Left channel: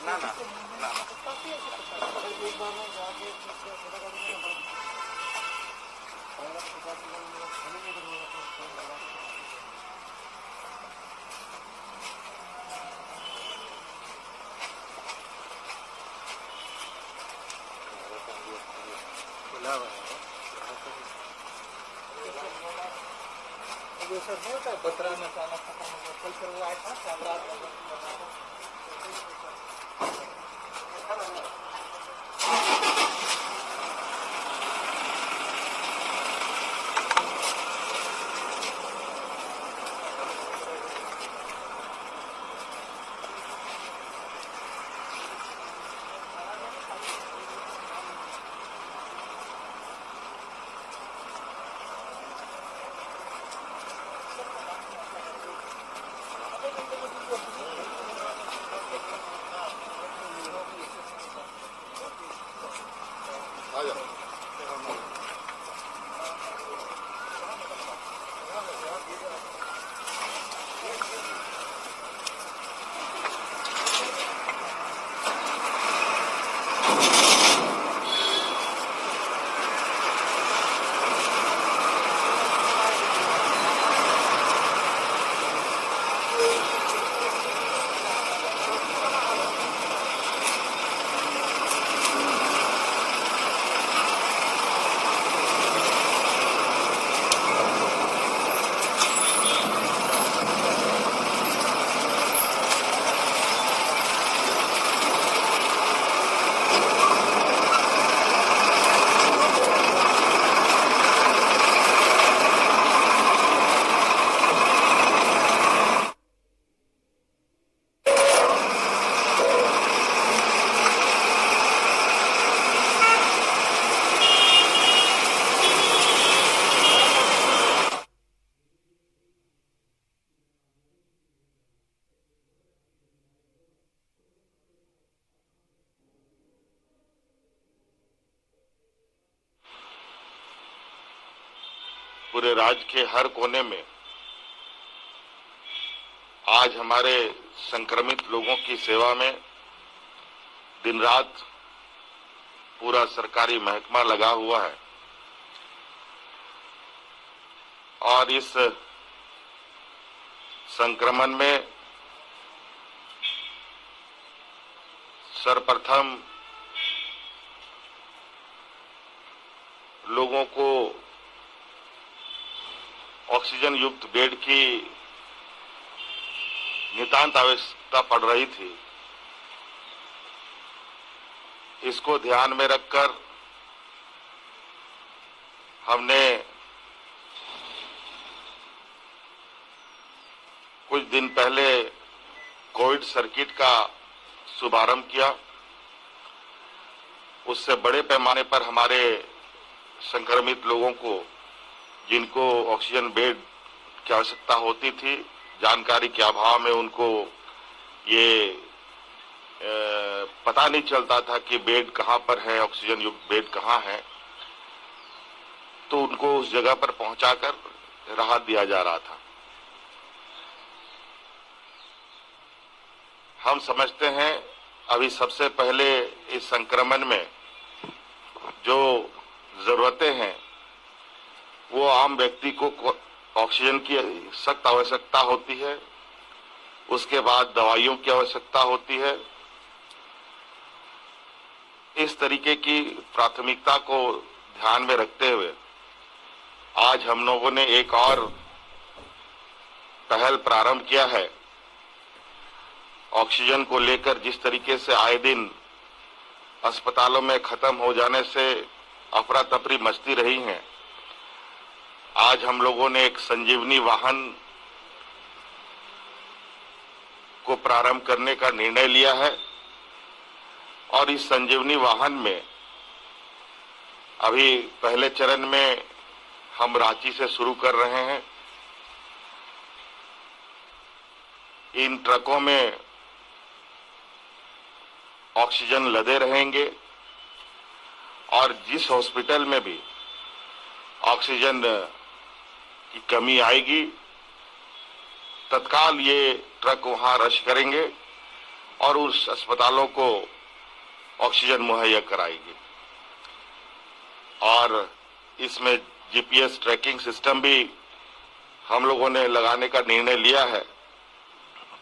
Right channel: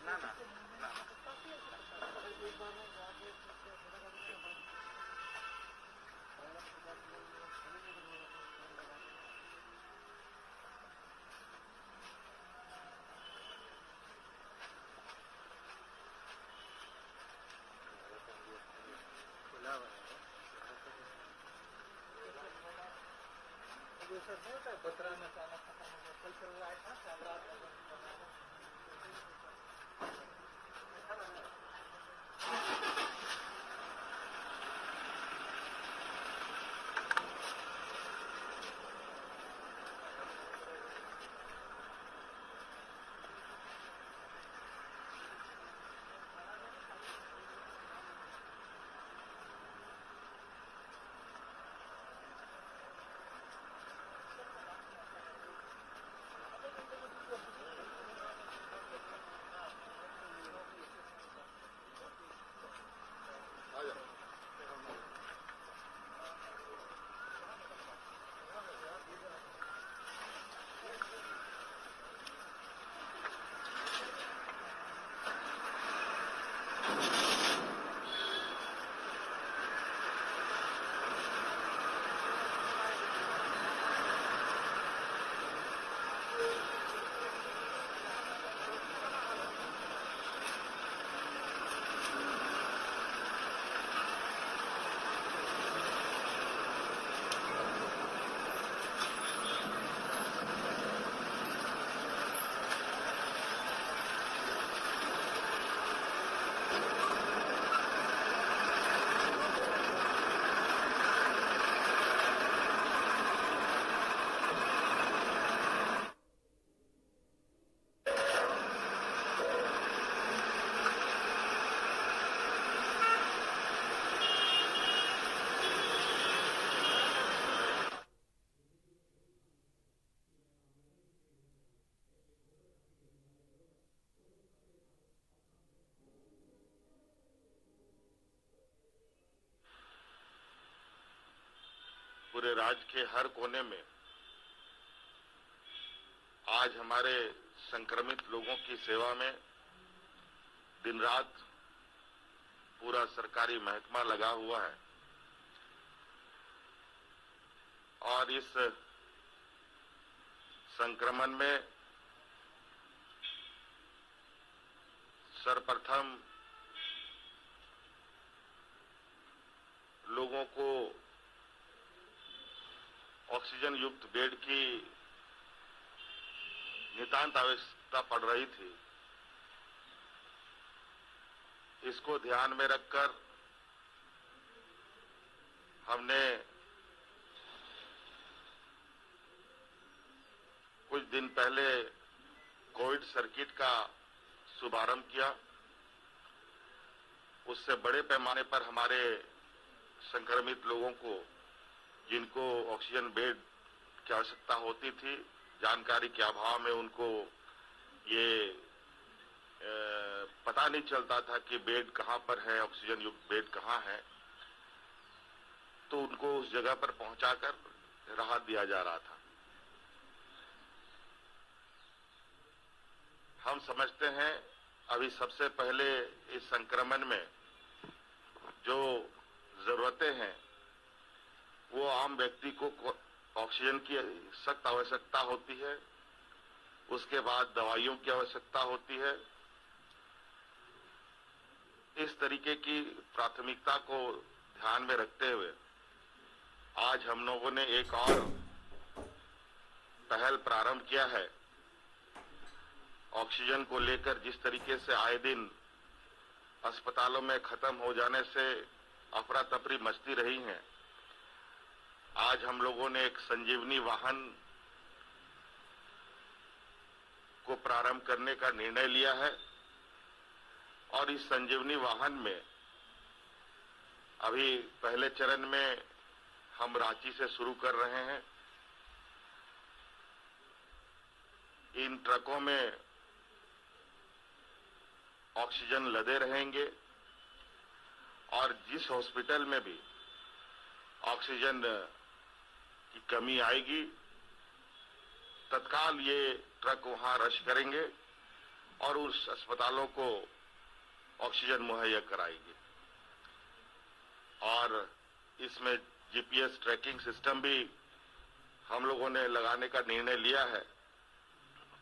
ना ना सर होता है बतरा में खाना खत्म हो गया कल फिर वो आया था शानदार पूरे राज्य के हर कोने में आज हमारे संक्रमित लोगों की सेवा में दिन रात पूरा सरकारी महकमा लगा हुआ है और इस संक्रमण में सर्वप्रथम लोगों को ऑक्सीजन युक्त बेड की नितांत आवश्यकता पड़ रही थी। इसको ध्यान में रखकर हमने कुछ दिन पहले कोविड सर्किट का शुभारंभ किया। उससे बड़े पैमाने पर हमारे संक्रमित लोगों को, जिनको ऑक्सीजन बेड की आवश्यकता होती थी, जानकारी के अभाव में उनको ये पता नहीं चलता था कि बेड कहाँ पर है, ऑक्सीजन युक्त बेड कहाँ है, तो उनको उस जगह पर पहुंचाकर राहत दिया जा रहा था। हम समझते हैं अभी सबसे पहले इस संक्रमण में जो जरूरतें हैं वो आम व्यक्ति को ऑक्सीजन की सख्त आवश्यकता होती है, उसके बाद दवाइयों की आवश्यकता होती है। इस तरीके की प्राथमिकता को ध्यान में रखते हुए आज हम लोगों ने एक और पहल प्रारंभ किया है। ऑक्सीजन को लेकर जिस तरीके से आए दिन अस्पतालों में खत्म हो जाने से अफरा तफरी मचती रही है, आज हम लोगों ने एक संजीवनी वाहन को प्रारंभ करने का निर्णय लिया है और इस संजीवनी वाहन में अभी पहले चरण में हम रांची से शुरू कर रहे हैं। इन ट्रकों में ऑक्सीजन लदे रहेंगे और जिस हॉस्पिटल में भी ऑक्सीजन की कमी आएगी तत्काल ये ट्रक वहां रश करेंगे और उस अस्पतालों को ऑक्सीजन मुहैया कराएंगे। और इसमें जीपीएस ट्रैकिंग सिस्टम भी हम लोगों ने लगाने का निर्णय लिया है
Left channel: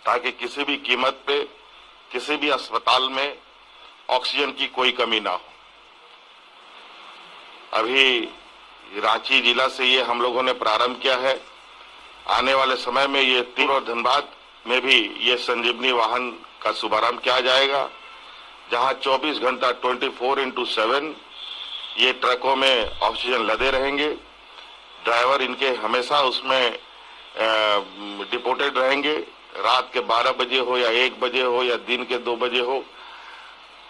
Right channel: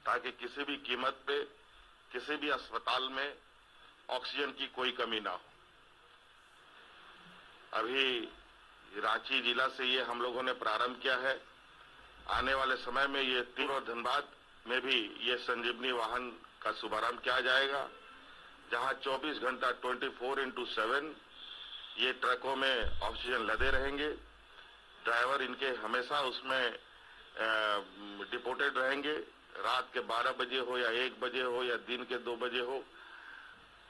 ताकि किसी भी कीमत पे किसी भी अस्पताल में ऑक्सीजन की कोई कमी ना हो। अभी रांची जिला से ये हम लोगों ने प्रारंभ किया है। आने वाले समय में ये तीन और धनबाद में भी ये संजीवनी वाहन का शुभारंभ किया जाएगा, जहां 24 घंटा 24/7 ये ट्रकों में ऑक्सीजन लदे रहेंगे। ड्राइवर इनके हमेशा उसमें डिपोटेड रहेंगे। रात के 12 बजे हो या 1 बजे हो या दिन के 2 बजे हो,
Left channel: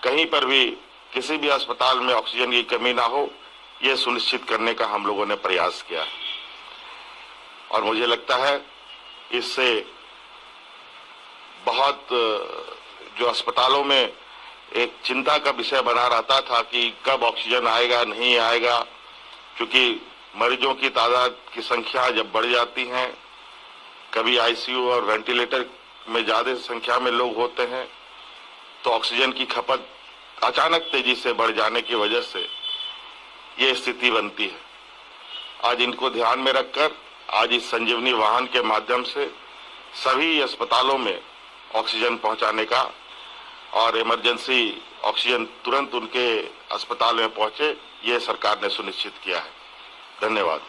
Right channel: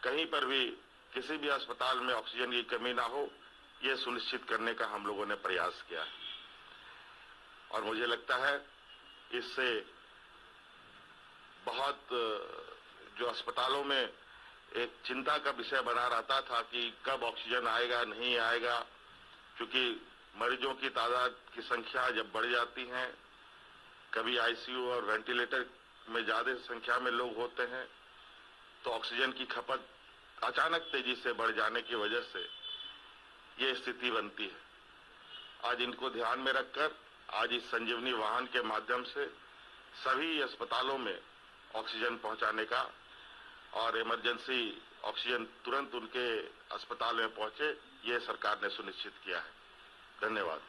कहीं पर भी किसी भी अस्पताल में ऑक्सीजन की कमी ना हो, ये सुनिश्चित करने का हम लोगों ने प्रयास किया है। और मुझे लगता है इससे बहुत जो अस्पतालों में एक चिंता का विषय बना रहता था कि कब ऑक्सीजन आएगा नहीं आएगा, क्योंकि मरीजों की तादाद की संख्या जब बढ़ जाती है, कभी आईसीयू और वेंटिलेटर में ज्यादा संख्या में लोग होते हैं, तो ऑक्सीजन की खपत अचानक तेजी से बढ़ जाने की वजह से ये स्थिति बनती है। आज इनको ध्यान में रखकर आज इस संजीवनी वाहन के माध्यम से सभी अस्पतालों में ऑक्सीजन पहुंचाने का और इमरजेंसी ऑक्सीजन तुरंत उनके अस्पताल में पहुंचे, ये सरकार ने सुनिश्चित किया है। धन्यवाद।